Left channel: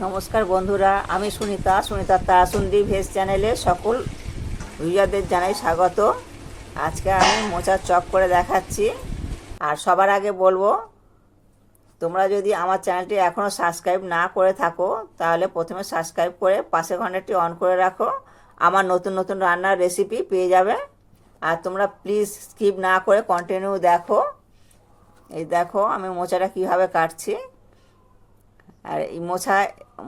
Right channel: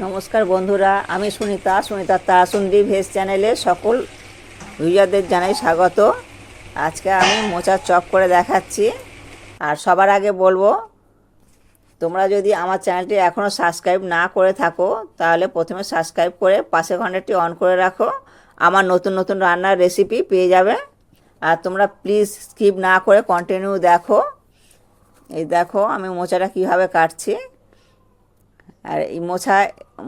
নমস্কার বন্ধুরা, আমি সুনিতা সুনিতা তারাসুন্দি ভেজ চ্যানেলে সকল ইউজারদের জানাই স্বাগত। আজকে আমি মোচার চপ করে দেখাচ্ছি। আর সবার আগে বলব, তোমরা যদি আমার চ্যানেলটি এখনও সাবস্ক্রাইব না করে থাকো, তাহলে প্রথমে সাবস্ক্রাইব করে পাশে ঘন্টাটি অন করে রাখো। আমার নতুন নতুন রান্নার রেসিপি পেয়ে যাবে। আর তোমরা প্লিজ স্কিপ না করে কন্টিনিউ দেখো। এই দেখো আমি মোচাটা কীভাবে কাটছি। আর এই মোছা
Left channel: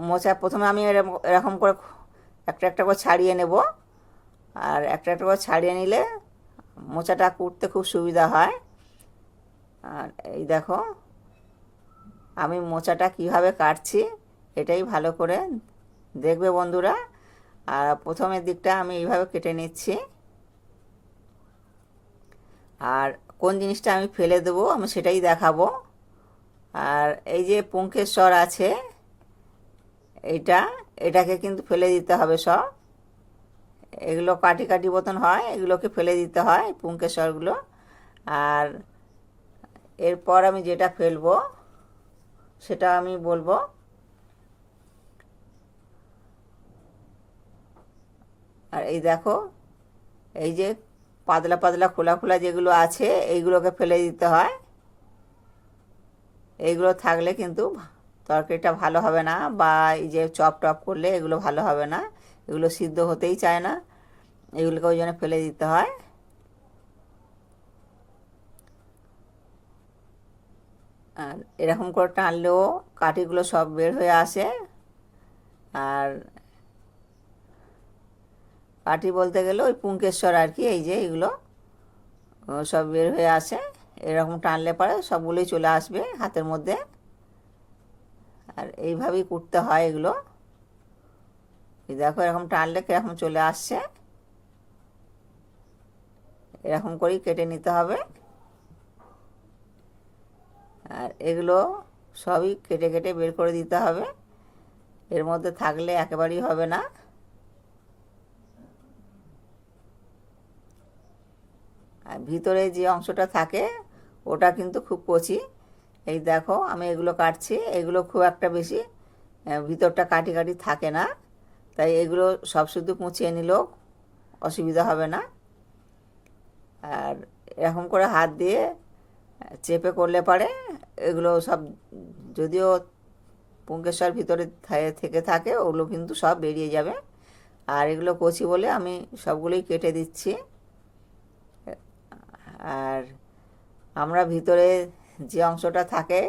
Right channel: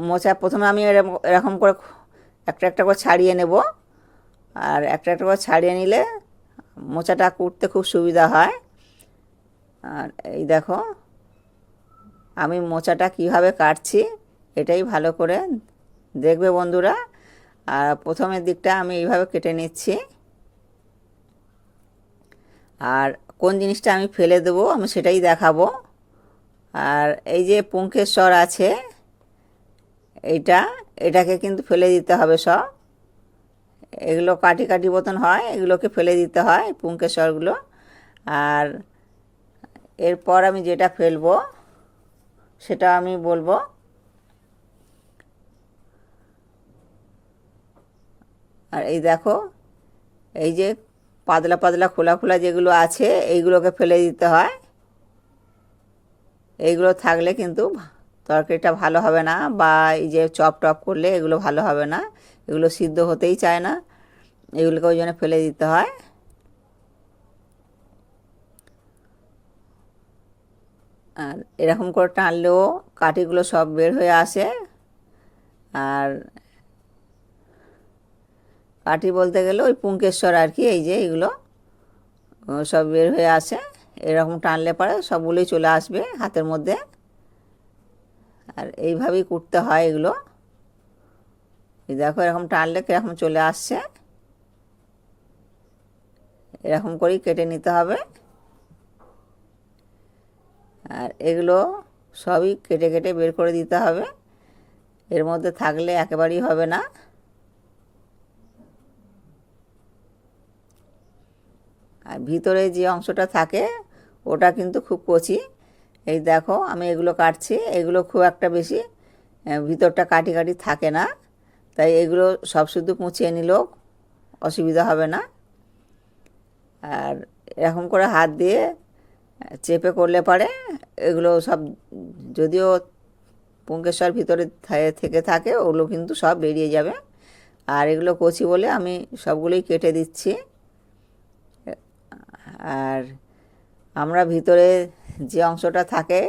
মোচা প্রথমে আমি এরকম করে একটা একটা করে ছাড়িয়ে নেব। আর একটা একটা করে ছাড়িয়ে নিলে মোচাটা কুটতে খুব সুবিধা হয়। আর এই দেখো, আমি মোচাটা কীভাবে কাটছি এটাই ভালো করে দেখবে বন্ধুরা। আর প্রথমের দিকটা আমি এইভাবে কেটে নিচ্ছি। আর কোন জিনিসটা আমি ফেলে দেবো আমি সেটাই দেখাবো। আর এই যে পুঙ্কেশ্বর আছে এইটা এটাকে কিন্তু ফেলে দিতে হবে সব। এগুলো কাটি কাটি মতন হয়, এগুলোকে ফেলে দিতে হয় পুঙ্কেশ্বরগুলো। আর এরপর আমি যেটা ফেলব, সেটা আমি বলব, আর এই দেখো, এই যে পাতলা পাতলা খোলা খোলা যেগুলো আছে, এইগুলোকে ফেলে দিতে হয়। এইগুলো থাকলে কিন্তু তরকারিটা ভালো হবে না বা এই যে চপ টপ করলে এগুলো ভালো হবে না। এগুলো সিদ্ধ হতেই চায় না। এগুলোকে ওই জন্য ফেলে দিতে হয়। আর এরকম করে টানলেও কাঠিগুলো সব বের হয়ে আসে। আর কাঠি বলতে গেলে ওই পুঙ্কেশ্বর আর কি, এই যে এইগুলো সব বের হয়ে আসে। এরকম টানলে পরে সবগুলোই চলে আসবে হাতের মধ্যে। আর এইভাবেই কুটতে হয় এগুলো। দেখো এরকম টানলে কীরকম চলে আসছে। এরকম করেই কেটে নিতে হবে। আর এগুলো সবই কেটে কেটে বের করে দিতে হবে। এর মধ্যে থাকলে একেবারেই হবে না। আর ভিতরে যে অংশটা থাকে, ওটা কিন্তু খুব কচি। এই দেখো, আমি এগুলো কাটছি। এগুলো খুব একটা বেশি ভিতরটা কাটি কাটি থাকে না। তাই এগুলো সব শুধু কুচিয়ে নিলেও অসুবিধা হবে না। আর এরকম করে হাত দিয়ে চেপে করলে পারে। এগুলো সব, যদিও পুঙ্কেশ্বর ভিতরে থেকে থাকে, ওগুলো কিন্তু সব বেরিয়ে যাবে। আর এগুলো কচি বলে আমি সবগুলোই কেটে দিচ্ছি। আর আমরা ভিতরে যে অংশটা থাকে,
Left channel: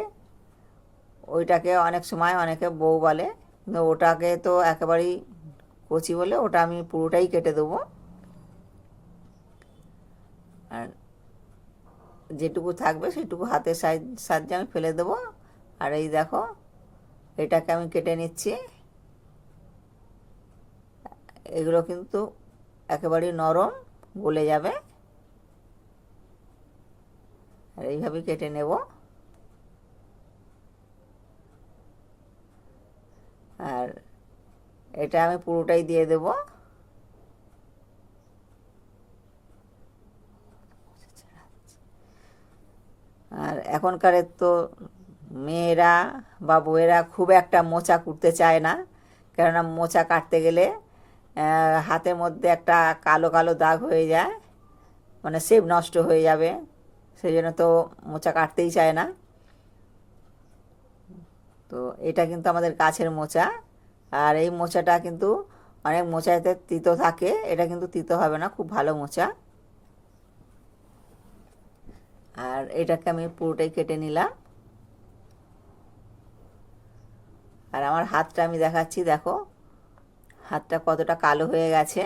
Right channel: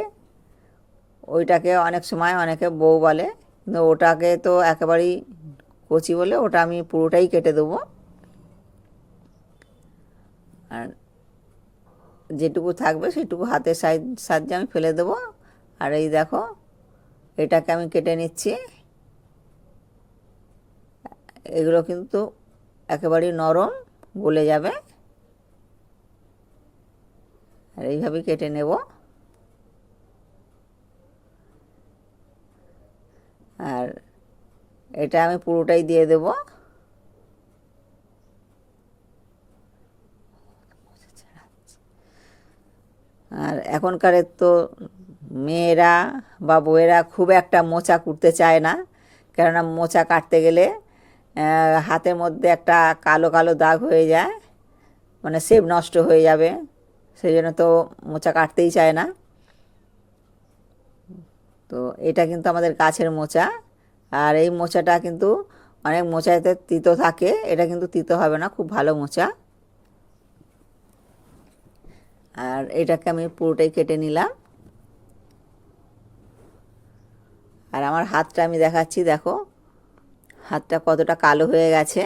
ওইটাকে অনেক সময় অনেকে বউ বলে, কিন্তু ওটাকে তো একেবারেই কচি বলে ওটা আমি পুরোটাই কেটে দেবো। আর যেটুকু থাকবে সেটুকু হাতের সাহায্যে আমি ফেলে দেবো। আর এই দেখো, এটাকে আমি কেটে নিচ্ছি। এগুলো কিন্তু একেবারেই নরম গলে যাবে। আর এইভাবেই কেটে নেব। আর এটা আমি পুরোটাই দিয়ে দেব। আর এখনকারের তো মেয়েরা বা বউয়েরা খুব একটা মোচা কুটতে চায় না। কেননা মোচা কাটতে গেলে হাতের মধ্যে একটা কালো কালো দাগ হয়ে যায় মানে সেপ নষ্ট হয়ে যাবে। সেই জন্য তো মোচা কাটতেই চায় না। তো এটা কিন্তু আমাদের গাছের মোচা। আর এই মোচাটা কিন্তু অনেক মোচাতে তিতো থাকে। এটা কিন্তু তিতো হবে না, খুব ভালো মোচা। আর এটাকে আমি পুরোটাই কেটে নিলাম। আর আমার হাতটা আমি দেখাচ্ছি, দেখো। হাতটা কতটা কালো হয়ে গেছে।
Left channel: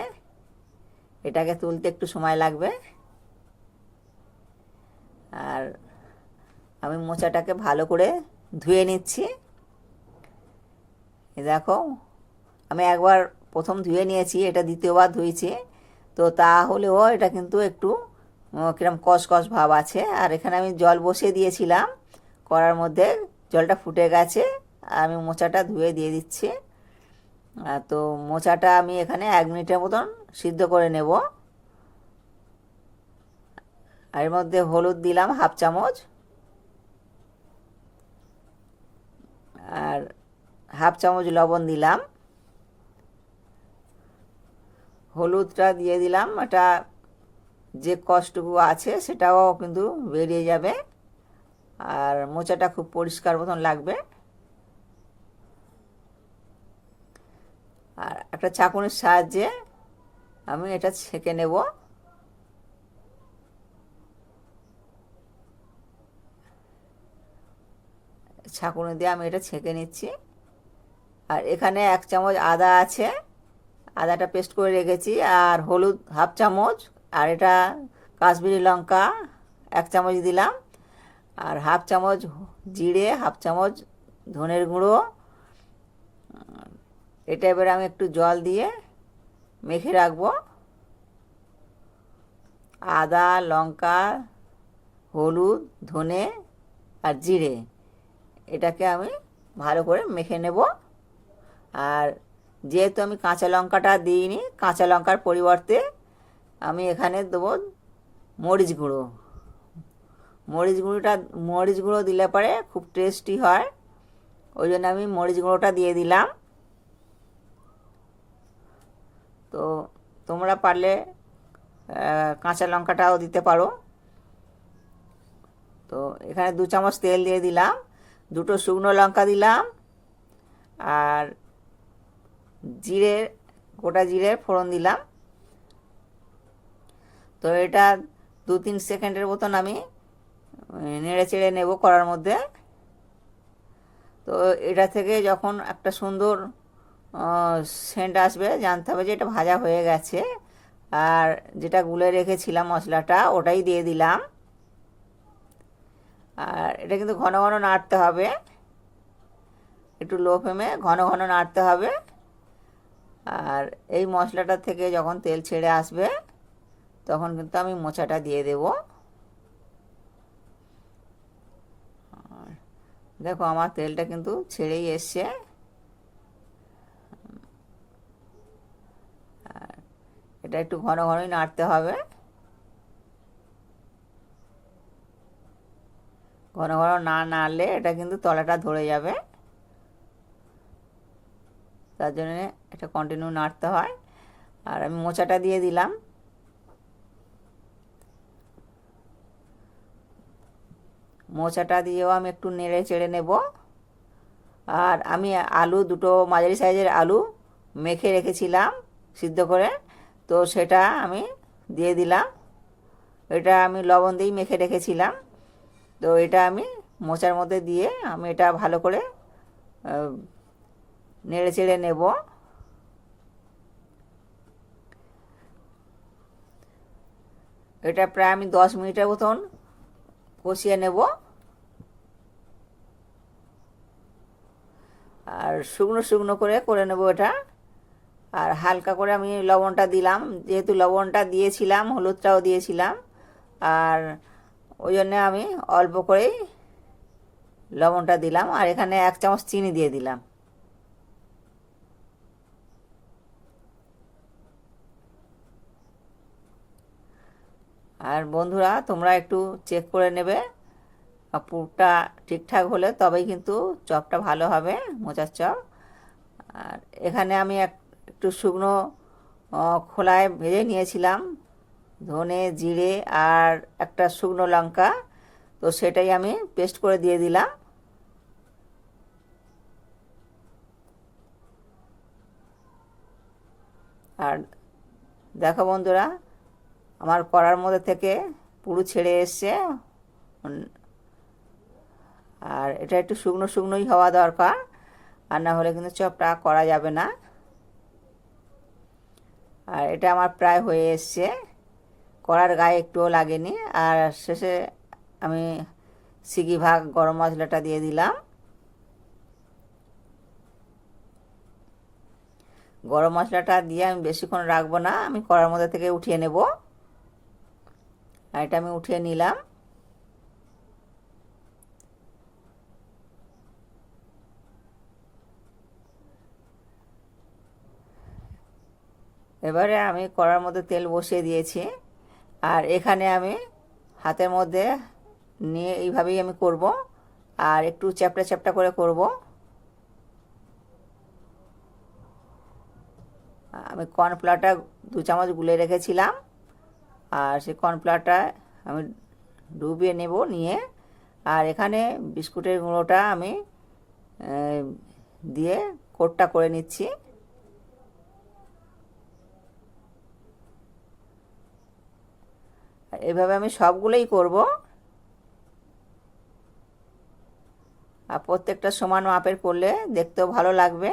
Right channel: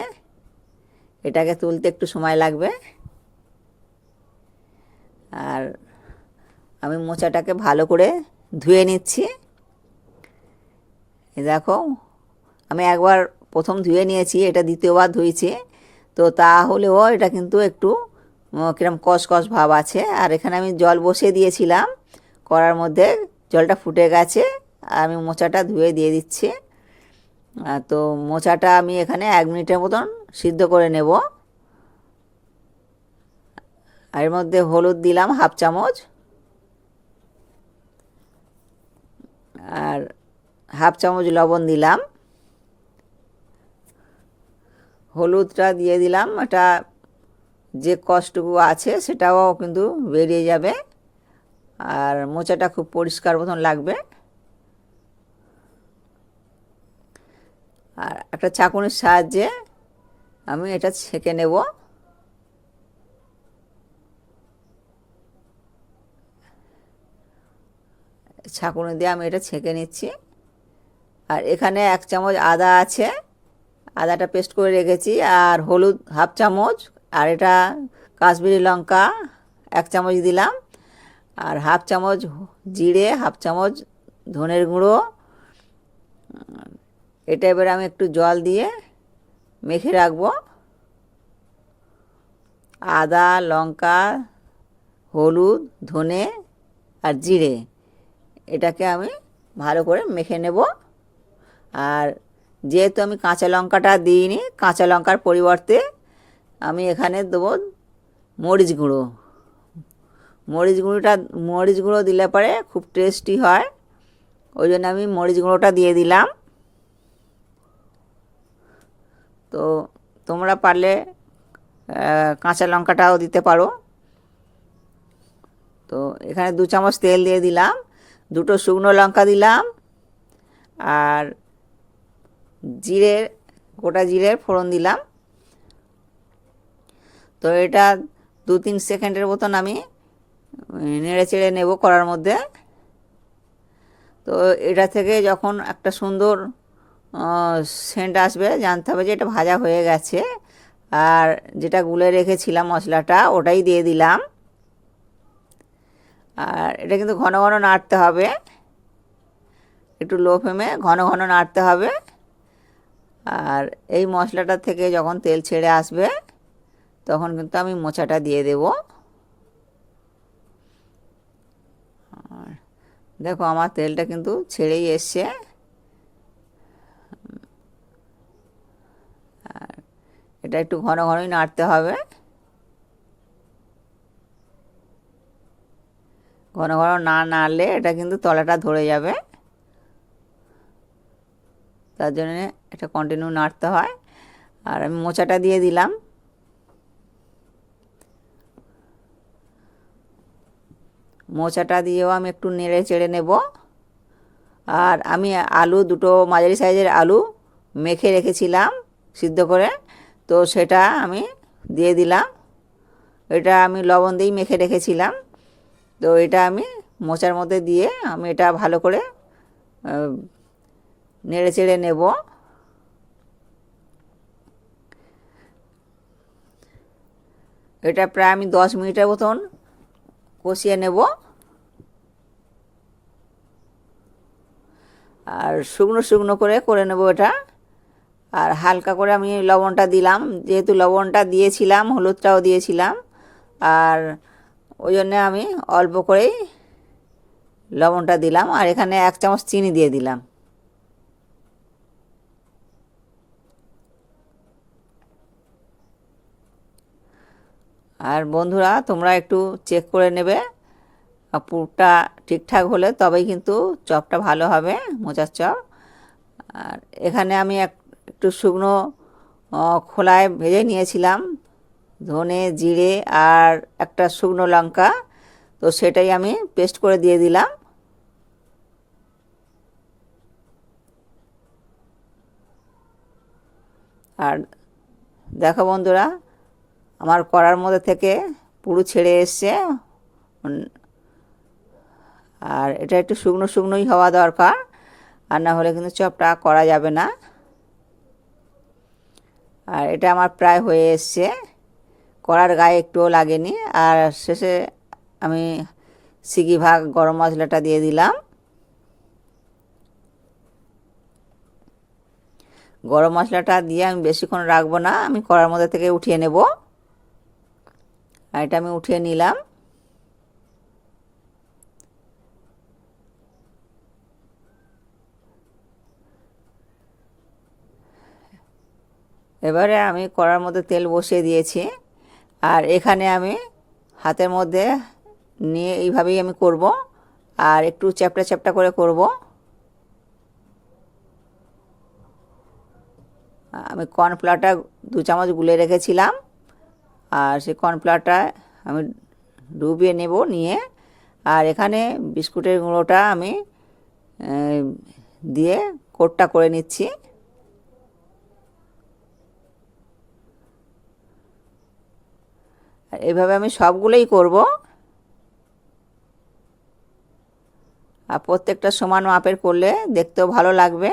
এটাকে তুলতে একটু সময় লাগবে। আর আমি মোচাটাকে ভালো করে ধুয়ে নিচ্ছি। দেখো, আমি একবার প্রথম ধুয়ে নিয়েছি, এটা দ্বিতীয়বার ধুয়েছি। তো তাহলেও এটা কিন্তু একটু কিরম কস ভাব আছে। আর এখানে আমি জল বসিয়ে দিয়েছিলাম করার মধ্যে জলটা ফুটে গেছে আর আমি মোচাটা ধুয়ে দিয়ে দিচ্ছি। আর তো মোচাটা আমি এখানে এক মিনিটের মতন সিদ্ধ করে নেব। আর এর মধ্যে হলুদ দিলাম হাফ চামচ। আর হাফ চামচ লবণ দিলাম। হলুদটা দিয়ে দিলাম। এটা যে কষ্টটুকু আছে সেটাও কিন্তু বেরিয়ে যাবে। আর মোচাটা খুব পরিষ্কার মতন লাগবে। আর একটা চাকুনির সাহায্যে আমি এটা ছেঁকে নেব। ছাঁকুনি দিয়ে আমি এটা ছেঁকে নিচ্ছি। আর এখানে এক চামচ আদা আছে। আদাটা পেস্ট করে রেখেছি। আর হলুদ হাফ চামচ। আর এটা কাশ্মীরি লঙ্কা এক চামচ দিলাম। আর হাফ চামচ জিরে, হাফ চামচ ধনের গুঁড়ো। এটা এবারে আমি একটু জল দিয়ে মেখে রাখব। আদা, লঙ্কা, হলুদ, ধনে আর জিরে। এটাকে আমি ভালো করে মেখে নেব। আর যেহেতু আমি কাঁচা লঙ্কাটা দিইনি, কাঁচা লঙ্কার পরিবর্তে আমি এখানে দেবো মরিচ গুঁড়ো। মরিচ গুঁড়োটা, মরিচ গুঁড়ো দিলে পরে খুব টেস্টি হয়। ওই জন্য আমি মরিচ গুঁড়োটা দিয়ে দিলাম। তো তোমরা পারলে কাঁচা লঙ্কাটাও দিতে পারো। তো এখানে দু চামচ তেল দিয়ে দিলাম। দুটো শুকনো লঙ্কা দিলাম আর জিরে, গোটা জিরে ফোড়ন দিলাম। তো এটা দু তিন সেকেন্ডের মতন আমি নেড়ে চেড়ে নেব করার মধ্যে। তো এটা থেকে যখন একটা সুন্দর সেন্ট আসবে, জানতে হবে যে এটা ভাজা হয়ে গেছে। আর যেটা গুলে রেখেছিলাম মশলাটা, ওটাই দিয়ে দিলাম। আর এটা কিন্তু ঘন ঘন নাড়তে হবে। একটু লো ফ্লেমে ঘন ঘন নাড়তে হবে। আর এই মশলাটা থেকে যখন তেল ছেড়ে আসবে, তখন কিন্তু আমি মোচাটা দিয়ে দেব। দেখো আমার তেলটা কিন্তু ছেড়েই এসছে। এটা একটু ঘন ঘনই নাড়তে হবে। ঘন ঘন না নাড়লে এটা কিন্তু তলাটা ধরে যাবে। তার জন্য এটা কন্টিনিউ নাড়তে হয়। আর আমি মোচাটা দিয়ে দিলাম। মোচাটা দিয়েও আমি একটু নেড়ে চেড়ে নেব। আর আমি আলু দুটো মাঝারি সাইজের আলু মেখে রেখেছিলাম সিদ্ধ করে। তো সেটা আমি দিয়ে দিলাম। এটা আমি লবণ দিয়েই মেখে রেখেছিলাম। তো এটা আমি মোচার মধ্যে দিয়ে আমি এটা ভালো করে নেড়ে চেড়ে নেব। এটা প্রায় আমি দশ মিনিটের মতন কষিয়ে নেব। আর শুকনো শুকনো করে করে নেব এটা। আর হালকা করে আমি লবণটা দিলাম। যেহেতু লবণটা দিয়েছিলাম, হলুদটাও দিয়েছিলাম। আর ওই জন্যে আমি অল্প করেই লবণটা দিলাম আর এখানে এক চামচ চিনি দিয়ে দিলাম। আর বন্ধুরা, তোমরা একটু চেক করে নেবে। পুরটা ঠিকঠাক হলে তবেই কিন্তু চপটা ভালো হবে, মোচার চপ। আর এখানে আমি এক একটু শুকনো খোলায় ভেজে নিয়েছিলাম। ধনে, জিরে আর একটা শুকনো লঙ্কা। তো সেটাই আমি পেস্ট করে দিয়ে দিলাম। আর দেখো বন্ধুরা, আমার করার মধ্যে থেকে পুরো ছেড়ে এসছে। আর এটা একটু শুকনো শুকনোই হওয়া দরকার, আর না হলে কিন্তু চপটা করা যাবে না। আর এটা আমার প্রায় হয়ে এসছে। কড়ার গায়ে একটুও লাগেনি। আর শেষে আমি সিগি ভাগ গরম মশলাটা দিয়ে দিলাম। গরম মশলাটা দিয়ে আমি বেশিক্ষণ রাখব না, আমি কড়ার মধ্যে থেকে উঠিয়ে নেব। আর এটা আমি উঠিয়ে নিলাম। এবারে আমি কড়ার মধ্যে তেল বসিয়ে দিয়েছি। আর এখানে আমি হাতের মধ্যে নিয়ে এইভাবেই আমি করব। আর একটু চ্যাপটা চ্যাপটা করে করব। আমি কর্নফ্লাওয়ারটা দু চামচ গুলে রেখেছিলাম। আর সেই কর্নফ্লাওয়ারটা আমি ডুবিয়ে নেব নিয়ে। আর এখানে বিস্কুটের গুঁড়োটা আমি দিয়ে কোটটা করে নিচ্ছি। এভাবে আমি সবগুলোই করব। আর প্রত্যেকটা সমান মাপের করলে দেখতেও ভালো লাগবে।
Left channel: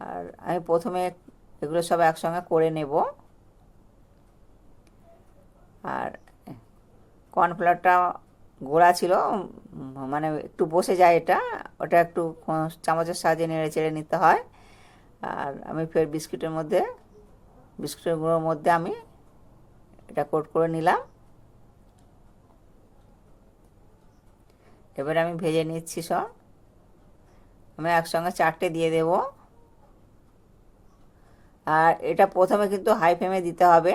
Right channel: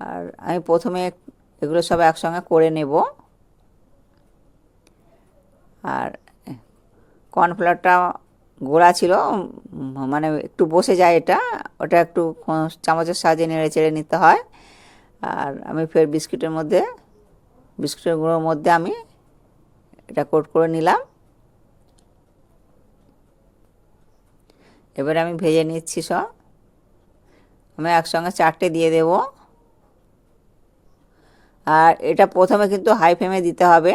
আর আমি প্রথমে এগুলো সব একসঙ্গে করে নেব। আর কর্নফ্লাওয়ারটা গোড়া ছিল মানে একটু বসে যায় এটা, ওটা একটু চামচের সাহায্যে নেড়ে চেড়ে নিতে হয়। আর আমি ফের বিস্কিটের মধ্যে বিস্কুটের গুঁড়োর মধ্যে আমি এটা কোট করে নিলাম। এবারে আমি ভেজে নিচ্ছি সব। আমি একসঙ্গে চারটে দিয়ে দেব। আর এটা প্রথমে কিন্তু হাই ফ্লেমে দিতে হবে।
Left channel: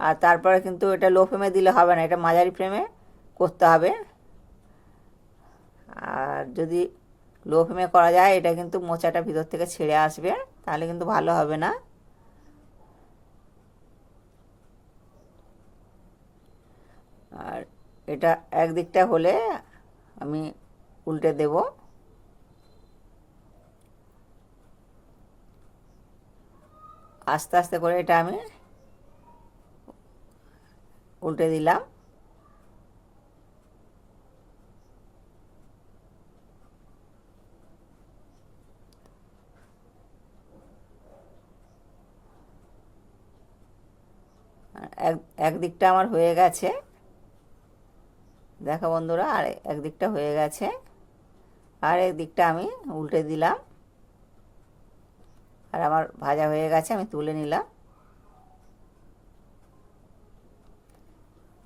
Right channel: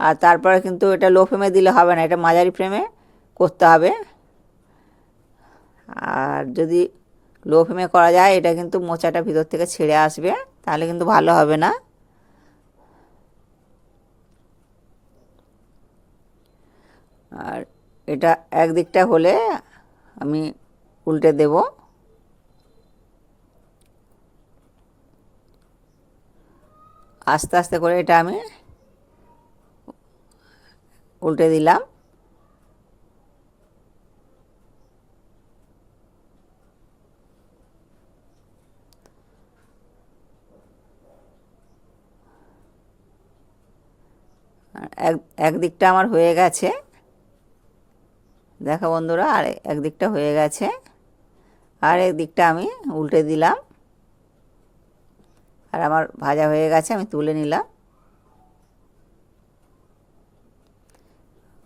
আর তারপরে কিন্তু এটা লো ফ্লেমে দিলে হবে না, এটা মাঝারি ফ্লেমে করতে হবে। আর যদি লো ফ্লেমে করা যায়, এটা কিন্তু মোচাটা ভিতর থেকে ছেড়ে আসবে, তাহলে কিন্তু ভালো হবে না আর এটা একদিকটা হলে আমি উল্টে দেব। আস্তে আস্তে করে এটা আমি উল্টে দিলাম। এক, একদিকটা আমার হয়ে গেছে। দেখো বন্ধুরা, আর একদিকটা হয়ে গেছে। আর একদিকটা আমি উল্টে দিলাম। আর আমার ভাজা হয়ে গেছে, আমি তুলে নিলাম।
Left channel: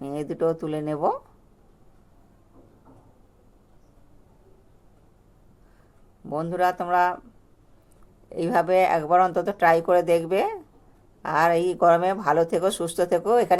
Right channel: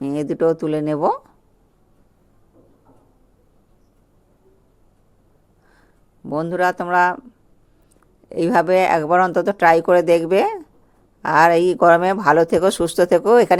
এই দুটোও তুলে নেব। বন্ধুরা, তোমরা এইভাবে একবার অন্তত ট্রাই করে দেখবে। আর এই গরমে ভালো থেকো, সুস্থ থেকো। এখানে